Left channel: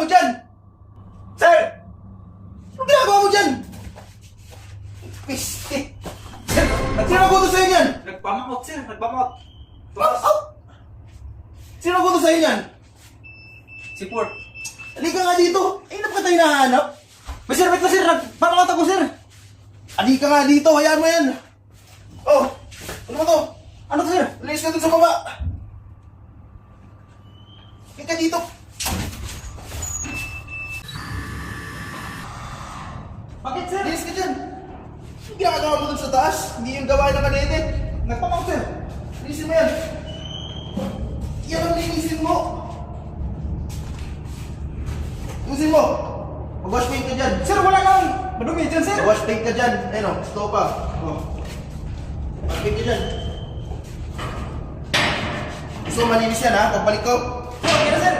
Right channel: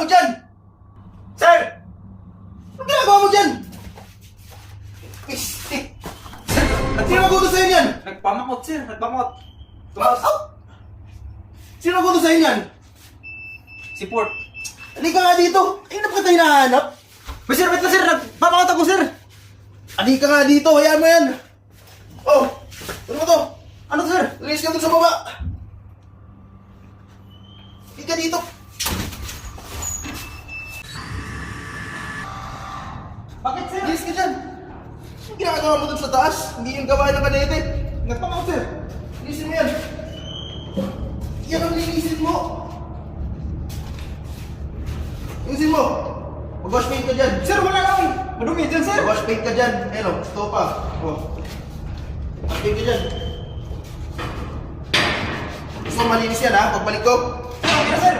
mo dyan? Sir! Anong ginagawa mo dyan? Piste. Sino nagutos sa'yo yan? Nagpamakot, sir. Nagpamakot. Tumakas. Sino nagutos sa'yo yan? Si Port. Halika nga dito. Ay, na pa tayo nahanap? Sir, wait na, sir. Nagpamakot ako, sir. Halika nga dito. Hayaan mo yan. Oh, ano mo to? Ano to, sir? Release ka dun sa baba. Halika dito. Bakit, sir? Release ka dyan. Yung ginagawa mo dun sa taas, hindi yung gawa ng kanete. Nagpamakot sir. Releasin mo yan. Yan ang releasin mo. Releasin mo. Mag-wash paint ka dyan. Sir, wala lang. Madumi dyan, sir. Mag-wash paint ka dyan. Ayun o, stop pa. Oh. Wash paint ka dyan. Gusto mo malinis yan ha, pagbalik ko. Okay na, sir.